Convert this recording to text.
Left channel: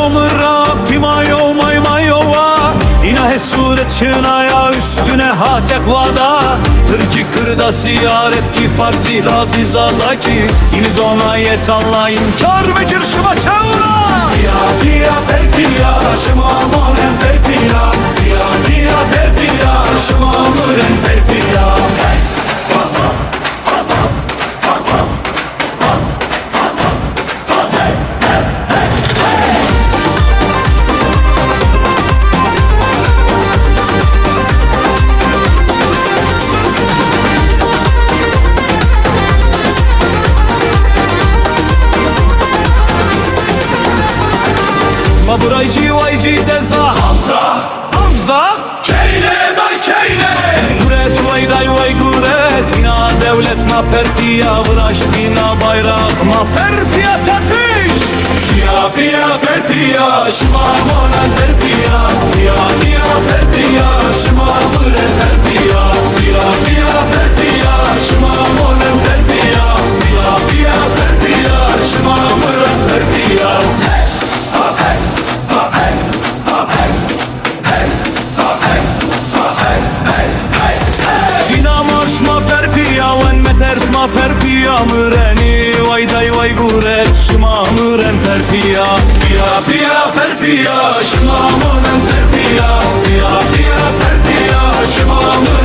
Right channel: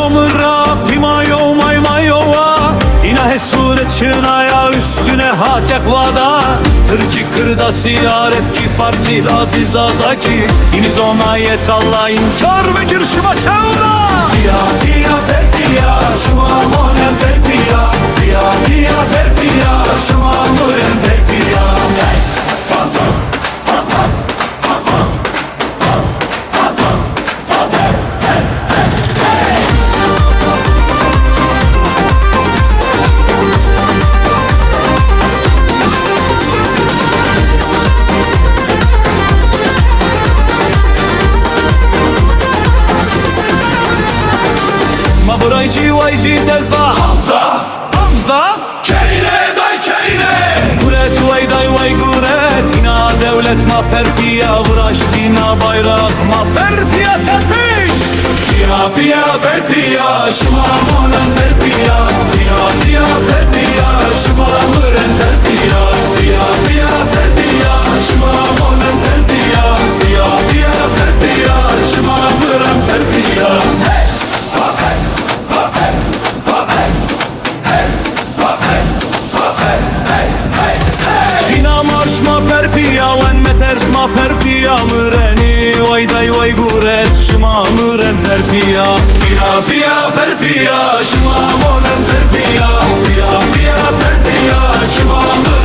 somra pimayo maymayova İna hesuret çınaya üstüne hatek vada Tırki kırda siyaretki farsi laziz azaki İniz ona yet Allah inkar ve girşima çevra Pia pia per pia şıma monen per pia Pia pia per pia şıma monen per pia Hey! Pam pam pam pam pam pam pam pam pam pam hey hey hey hey Ma buraycı vaycı deza Hamza Keyne day keyne Guret vay day vay guret İna devlet ma perpiya Vraştina bayrak ma perpiya tepiş Piya piya perpiya Şıma monen perpiya Piya piya perpiya Şıma müren perpiya Piya piya perpiya Şıma monen perpiya Piya piya perpiya Şıma müren perpiya Hey! Ha hey! Dina marş ma perpiya wen meters ma perpiya müreni vay day vay guret şıma müren perpiya Piya piya perpiya şıma monen perpiya Piya piya perpiya şıma müren